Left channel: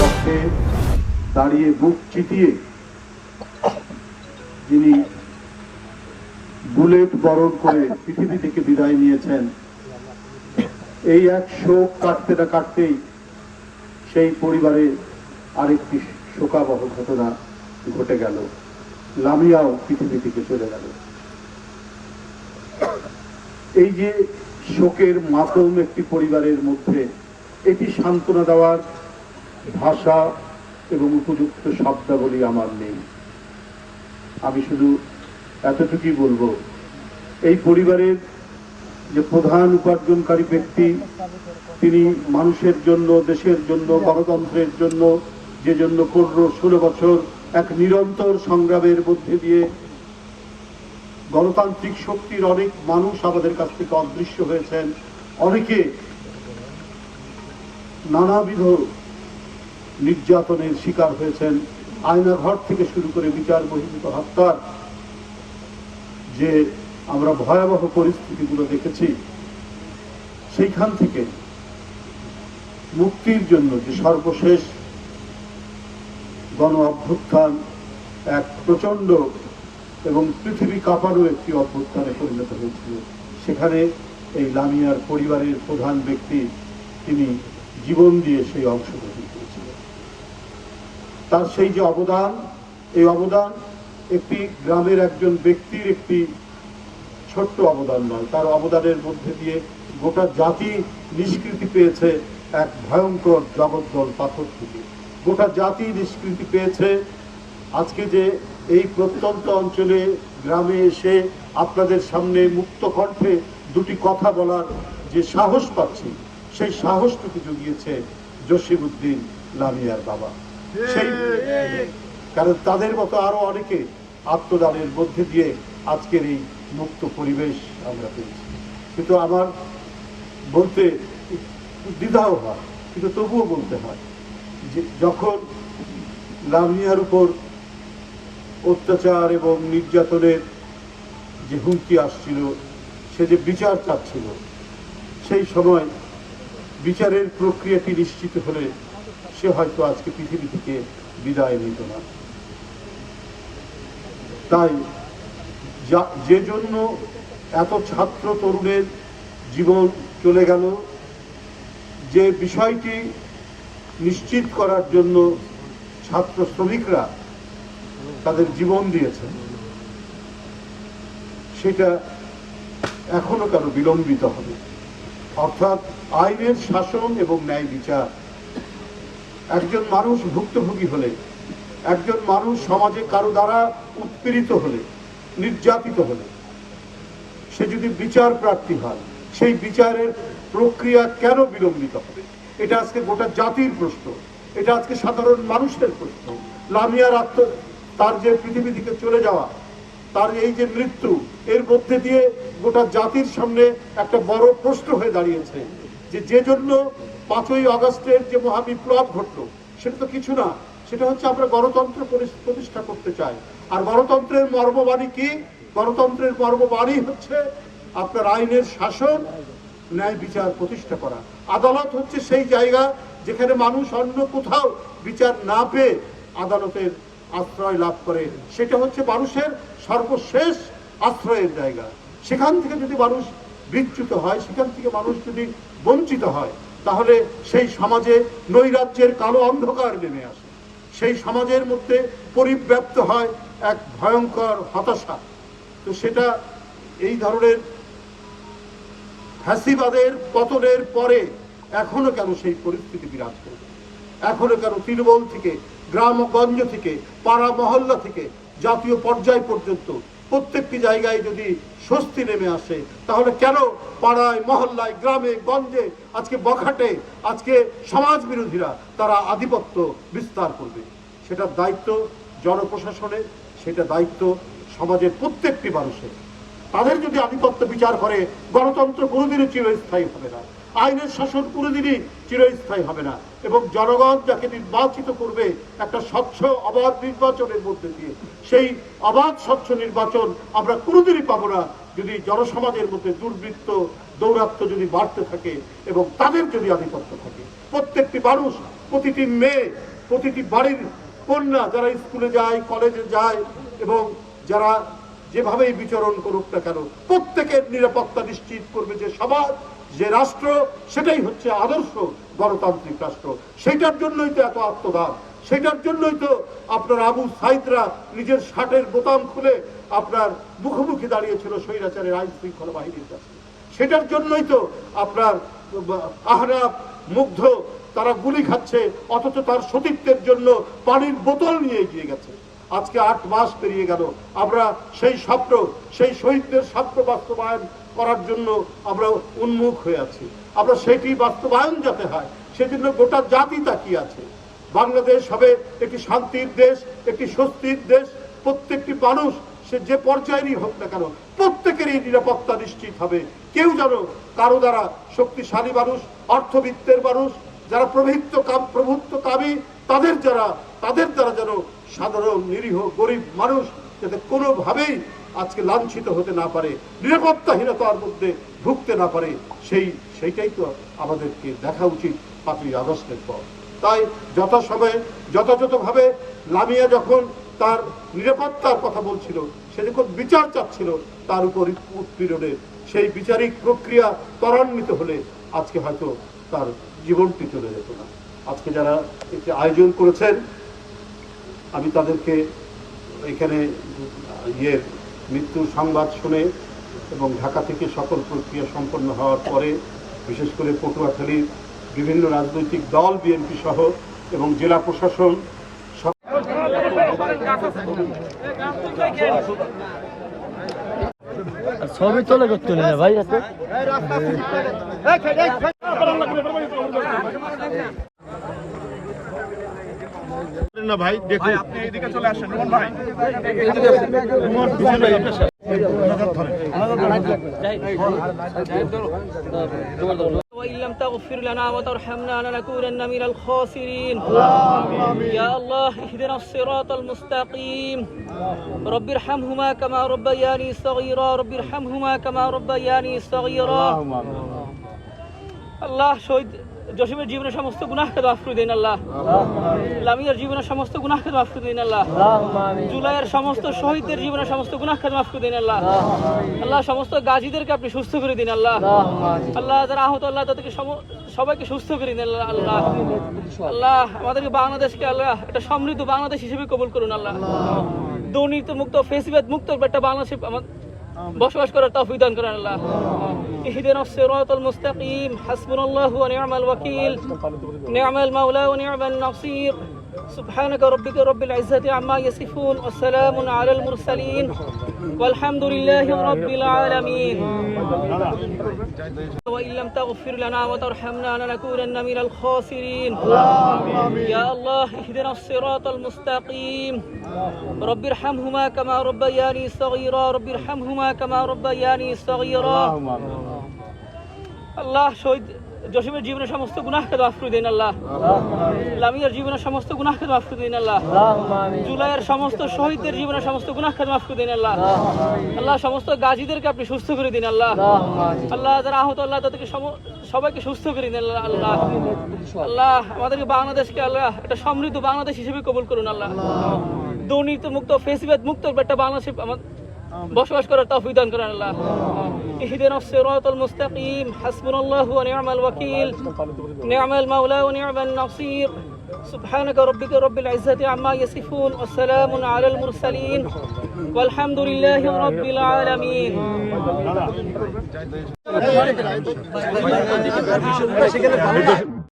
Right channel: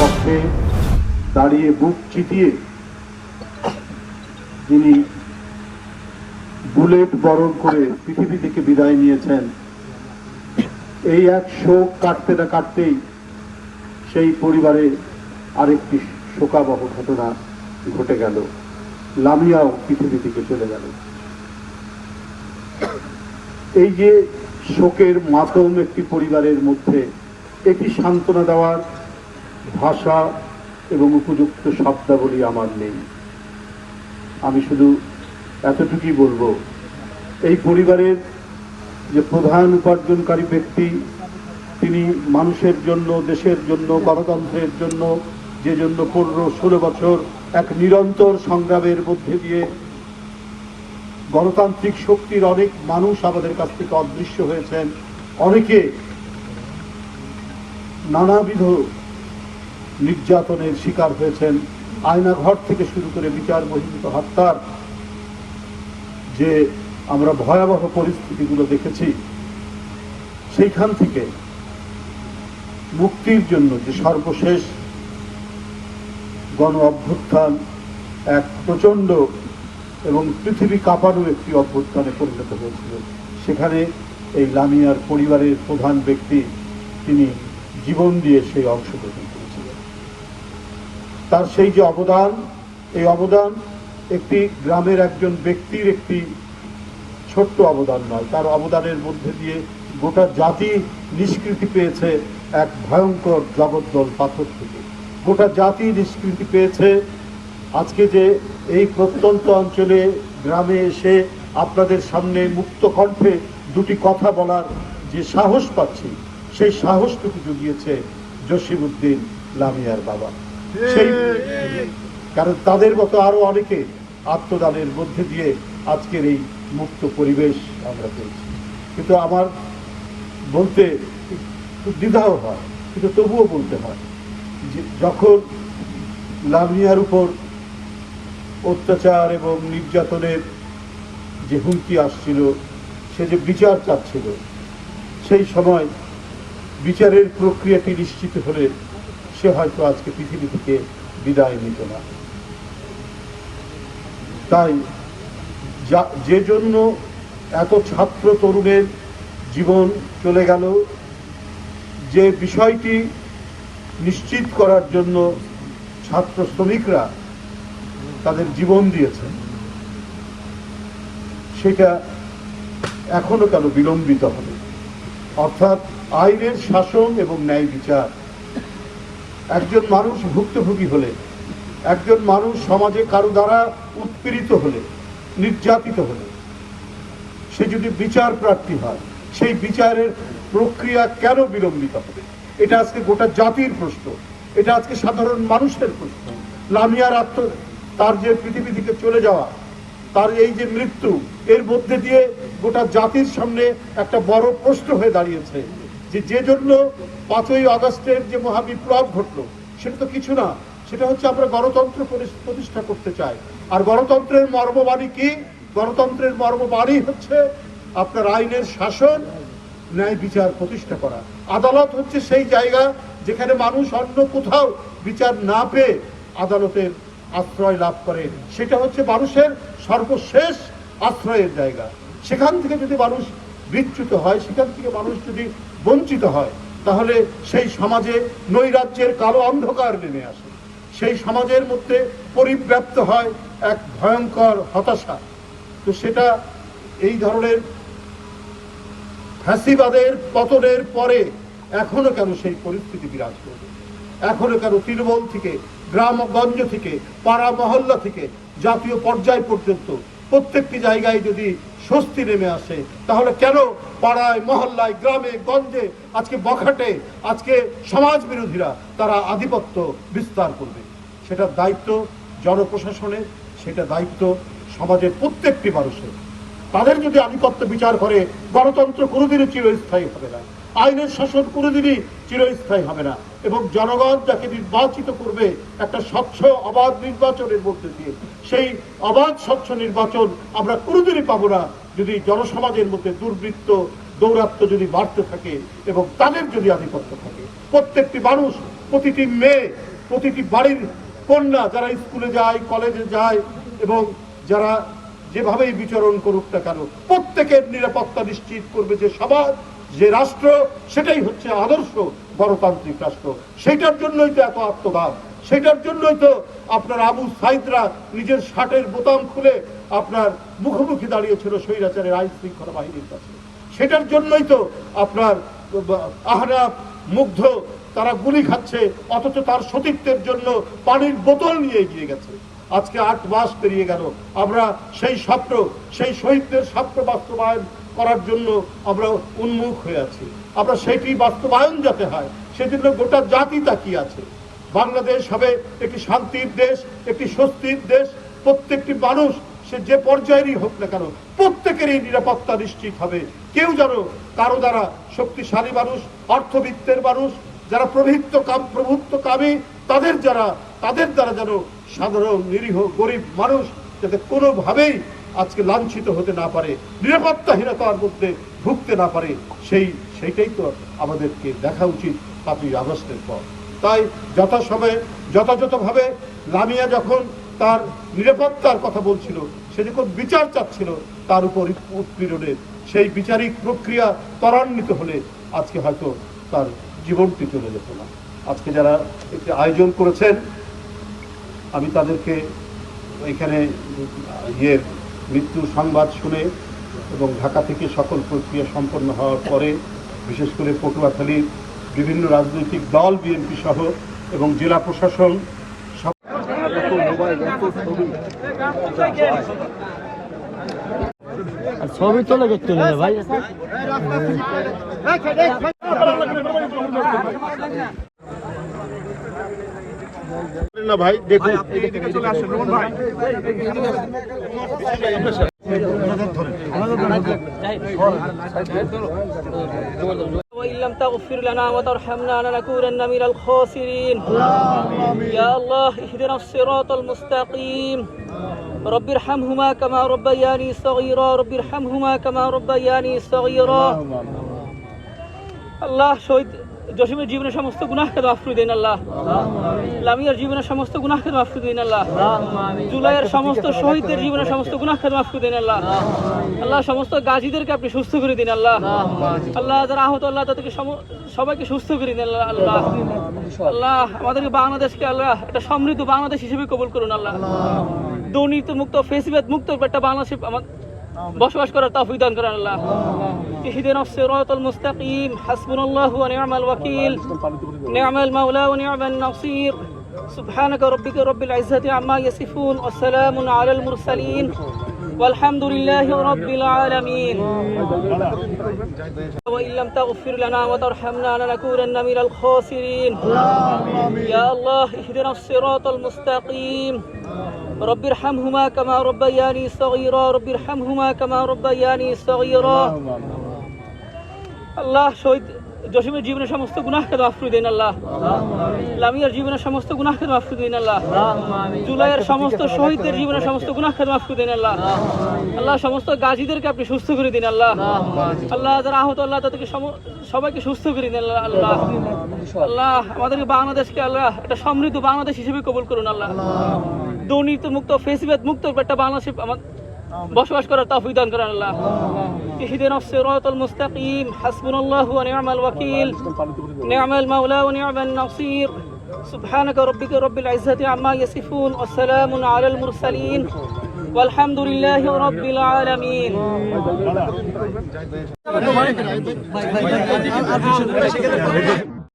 পক্ষে দাঁড়িয়ে বুক চিতিয়ে যিনি বুলেট বরণ করে পৃথিবী থেকে বিদায় নিয়েছেন, এই এক শোক কাটতে না কাটতেই সেই পরিবারে আরেকটি শোকাবহ ঘটনা ঘটে গেল। লামিয়াও পৃথিবী থেকে চলে গেল। এই যে শোকের মাতম একটি পরিবারের মধ্যে এটি সান্ত্বনা দেওয়ার ভাষা এবং উপযুক্ত শব্দাবলী আমার নেই। আমি শুধু এতটুকুই বলব, এই পরিবারের যে প্রধান উপার্জনকারী ব্যক্তি, তিনি মানুষের জন্য, দেশের জন্য, গণতন্ত্রের জন্য, যে জন্য পনেরো, ষোলো বছর এক নিরন্তর সংগ্রামের মধ্যে দিয়ে গণতান্ত্রিক শক্তির অনেক মানুষ আমাদের কাছ থেকে অদৃশ্য হয়েছেন। অনেকে নানাবিধ নির্যাতনের শিকার হয়েছেন। আয়নাঘর থেকে শুরু করে বিচার বহির্ভূত হত্যার যে আমরা ভয়াবহ পরিস্থিতিগুলো দেখেছি, সেইখান থেকে মুক্তির জন্য যে সর্বশেষ গণ অভ্যুত্থান, এক প্রচণ্ড এবং পৃথিবী কাঁপানো একটি অভ্যুত্থানে পরিণত হয়েছিল। সেখানে এই লামিয়ার পরিবারের প্রধান ব্যক্তি, তিনি জীবন দিয়ে সেই অংশগ্রহণ করেছিলেন। তার সেই যে অবদান, এই অবদান একটি গ্রামের একজন ব্যক্তির একটি ছোট্ট অবদান নয়, তার অবদানের মধ্যে দিয়ে গোটা জাতি নিষ্কৃতি পেয়েছে এক ভয়ঙ্কর জগদ্দল পাথর থেকে। গোটা জাতি নিষ্কৃতি পেয়েছে আজকে যে এই প্রত্যন্ত অঞ্চলে গ্রামে এসে আপনাদের সামনে মুক্ত কণ্ঠে দুটি কথা বলার যে সাহস পাচ্ছি, সেই সাহসটুকু জুগিয়েছে জসিমুদ্দিন লামিয়ার বাবা। সেই কারণ তাদের মতো আরও অনেকে আত্মদানের মধ্যে দিয়ে আজকের এই মুক্ত পরিবেশ আমরা পেয়েছি। কিন্তু আমার বলতে দ্বিধাও হয়, কিন্তু তবুও বলতে হয় যে যখন লামিয়ার উপর অত্যাচার এবং নির্যাতনের যে হুমকি আসছিল, সে যে বিচার চাচ্ছিল, সেই সময় বিচারের প্রক্রিয়াটি নিশ্চিত হলে সে হয়তো আজকে পৃথিবী থেকে বিদায় নিত না। তাই যা- জন্য এত ছাত্র তরুণের জীবন চলে গেল, যে বিষয়টি নিশ্চিত করার জন্য ছাত্র শ্রমিকরা তাদের জীবন দিয়েছেন, সেটা এখনও কেন বিলম্বিত হবে? অর্থাৎ আইনের শাসন এবং ন্যায় বিচার। একজন মানুষ ভুক্তভোগী হলে, একজন মানুষ সমাজে কারও দ্বারা উৎপীড়িত হলে, নির্যাতিত হলে, সে যদি বিচার প্রার্থী হয়, সেই বিচারের প্রক্রিয়া কেন বিলম্বিত হবে? এটা আজকে গোটা জাতির প্রশ্ন। এটা আজকে সাধারণ মানুষের প্রশ্ন। লামিয়ার আত্ম তার যে পৃথিবী থেকে চলে যাওয়া, তার এই যে মৃত্যু, এর মধ্যে দিয়ে গোটা জাতির সামনে একটা বড় প্রশ্ন হয়ে দাঁড়িয়েছে যে যে জন্য পাঁচই আগস্টের যে মহাবিপ্লব ঘটলো, সেটা তো কিছু না, সেটা হচ্ছে আমরা গণতন্ত্র প্রতিষ্ঠা করতে চাই। আর গণতন্ত্রের মর্মবাণী কি? গণতন্ত্রের মর্মবাণী হচ্ছে আপনার আইনের শাসন, ন্যায় বিচার প্রতিষ্ঠা করা। আদালত হচ্ছে সেই জায়গা যেখানে মানুষ অন্য কোথাও বিচার না পেয়ে আদালতের আশ্রয় লাভ করে। সেটা হচ্ছে মানুষের সর্বশেষ আশ্রয়ের জায়গা। সেখান থেকে যদি মানুষ বিচ্যুত হয়, সেখান থেকে মানুষ যদি বঞ্চিত হয়, তাহলে সেই সমাজে নৈরাজ্যের কালো অন্ধকার নেমে আসে। সেই সমাজের মধ্যে পরিব্যাপ্ত হয় এক ভয়ঙ্কর হতাশা। তো সেটা এই ধরনের ফ্যাসিবাদের পতনের পরে এখনও কেন সেই পরিস্থিতি বিরাজ করবে? এখনও কেন তৃণমূল থেকে গ্রামগঞ্জ থেকে, পাড়া মহল্লা থেকে, জাতীয় পর্যায় পর্যন্ত প্রত্যেকটি জায়গায় যদি স্বস্তি নেমে আসে, তাহলে কেন পাড়ায়, মহল্লায়, গ্রামে, গঞ্জে, আজকে বখাটে, আজকে সমাজ বিরোধীরা তারা আধিপত্য বিস্তার করবে? সেটার দায়িত্ব জনপ্রশাসনের, সেটা দায়িত্ব সমাজের প্রত্যেকটি মানুষের। তাদের যদি আধিপত্য বিচার করে, গণতন্ত্র কোনোদিনই চিরস্থায়ী হবে না। আইনের শাসন কোনোদিনই চিরস্থায়ী হবে না। এবং জনগণ যাকে নির্বাচিত করবে একটা স্বচ্ছ অবাধ নির্বাচনের মধ্যে দিয়ে। সেই অবাধ, স্বচ্ছ নির্বাচন আমরা কোনোদিনই পাবো না যদি জনসমাজের মধ্যে দুর্বৃত্ত, দৌরাত্ম যদি বাড়তে থাকে এবং তাদের যদি আধিপত্য থাকে। প্রত্যেকটি মানুষ, প্রতিটি মেয়ে, প্রতিটি বাড়ির কন্যা যারা স্কুলে যায়, কলেজে যায় এবং যারা যেভাবেই বিচরণ করুক না কেন, প্রত্যেকের নিরাপত্তা নিশ্চিত করবে যে সমাজ, যে রাষ্ট্র, সেটাই হচ্ছে আদর্শ গণতান্ত্রিক রাষ্ট্র। সেটার জন্যই তো এত আত্মদান সেটার জন্যই তো আপনার আবু সাইদরা নিজের শার্টের বোতাম খুলে আপনার মুখোমুখি দাঁড়িয়েছিল স্বৈরাচারের আইন শৃঙ্খলা বাহিনীর কাছে। সেটার জন্যই তো আপনার আহরাব মুগ্ধ তারা গুলি খাচ্ছে, অথচ তার সতীত্বের জন্য পানির বোতল নিয়ে এগিয়ে গেছে। আজকে আট মাস পেরিয়ে গেল। আমরা সেই স্বপ্ন, সেই শহীদদের স্বপ্ন বাস্তবায়ন করার জন্য আমরা উন্মুখ হয়ে আছি। আমরা সেটি বাস্তবায়ন যাতে হয়, সেজন্য গোটা জাতি তাকিয়ে আছে। বাংলাদেশ হবে একটি শান্তির দেশ, একটি স্বস্তির দেশ। প্রত্যেকটি মানুষ, সে যে পর্যায়েরই হোক না কেন, প্রত্যেকেরই নিরাপত্তা নিশ্চিত হবে। কেউ যেন কারও দ্বারা শক্তিশালী মানুষ, অর্থবিত্তের মানুষ, যারা প্রভুত্ব কামী, তাদের যারা, তাদের দ্বারা যেন সাধারণ, নিরীহ, গরিব মানুষ যাতে কোনোভাবেই আজকে লাঞ্ছিত হতে না পারে, নিরাপত্তাহীনতার মধ্যে ঢুকতে না পারে, সেই, সেইটাই তো আমাদেরকে দেখা উচিত আপনি আগস্টের পর। তাই যথাসময়ে, যথাযথভাবে লামিয়া যখন তার নিরাপত্তার কথা বলছিল, সে যখন বিচার চাচ্ছিল, তার উপর উৎপীড়নের সেই বিচারিক প্রক্রিয়া ত্বরান্বিত হলে আজকে হয়তো তার জীবনটি চলে যেত না। আজকে যারা এতে আয়োজন করেছেন আমি তাদেরকে এখানে ইয়ের মৃত্যু সংবাদ শুনে এবং ঢাকা থেকে সকল প্রক্রিয়া সম্পন্ন হওয়ার পরে বিশেষ করে পটুয়াখালীর বিভিন্ন রাজনৈতিক দল বিএনপি সহ এবং জেলা প্রশাসন ছবি তোলে করতে ভাই। না ভাই দেখুন আপনি এদিকে চলে আসেন রোহন ভাই তোমার পিছনে আপনার- ওনাদের ধরেন। وإن لم تغفر لنا وترحمنا لنكونن من الخاسرين يا الله اهدنا الصراط المستقيم رب ارحمهما كما ربياني صغيرا رب ارحمهما كما ربياني صغيرا আল্লাহ শহীদ জসিমের জীবনের সমস্ত গুনাহকে মাফ করে দিন আল্লাহ। লামিয়ার জীবনের সমস্ত গুনাহকে মাফ করে দিন আল্লাহ। জুলাইয়ের সমস্ত শহীদদের জীবনের সমস্ত গুনাহকে মাফ করে দিন আল্লাহ। আল্লাহ, সমস্ত গাজীদেরকে আপনি সুস্থ করে দিন আল্লাহ। আল্লাহ, যারা আহত আল্লাহ, তাদেরকে সবাইকে সুস্থ করে দিন আল্লাহ আল্লাহ। আল্লাহ, আমাদেরকে বাংলাদেশকে আল্লাহ, একটা সমৃদ্ধ বাংলাদেশ হিসেবে কবুল করুন আল্লাহ। দুর্নীতি মুক্ত ফেসিবাদ মুক্ত একটা বাংলাদেশ, আমার ####أشكر كرة تفيدا كرة الله اهدنا الصراط المستقيم. حسبنا الله ونعم الوكيل. نعم المولى ونعم النصير. سبحانك ربك رب العزة عما يصفون والسلام على المرسلين والحمد لله رب العالمين. وإن لم تغفر لنا وترحمنا لنكونن من الخاسرين. يا الله اهدنا الصراط المستقيم. رب ارحمهما كما ربياني صغيرا. رب ارحمهما كما ربياني صغيرا. الله شهد জসিমের জীবনের সমস্ত গুনাহকে মাফ করে দিন আল্লাহ। লামিয়ার জীবনের সমস্ত গুনাহকে মাফ করে দিন আল্লাহ। জুলাইয়ের সমস্ত শহীদদের জীবনের সমস্ত গুনাহকে মাফ করে দিন আল্লাহ। আল্লাহ, সমস্ত গাজীদেরকে আপনি সুস্থ করে দিন আল্লাহ। আল্লাহ, যারা আহত আল্লাহ, তাদেরকে সবাইকে সুস্থ করে দিন আল্লাহ। আল্লাহ আল্লাহ, আমাদেরকে বাংলাদেশকে আল্লাহ একটা সমৃদ্ধ বাংলাদেশ হিসেবে কবুল করুন আল্লাহ। দুর্নীতি মুক্ত ফেসিবাদ মুক্ত একটা বাংলাদেশ আমার বসবাস করার তৌফিক দান করেন আল্লাহ اهدنا الصراط المستقيم حسبنا الله ونعم الوكيل نعم المولى ونعم النصير سبحانك ربك رب العزة عما يصفون والسلام على المرسلين والحمد لله رب العالمين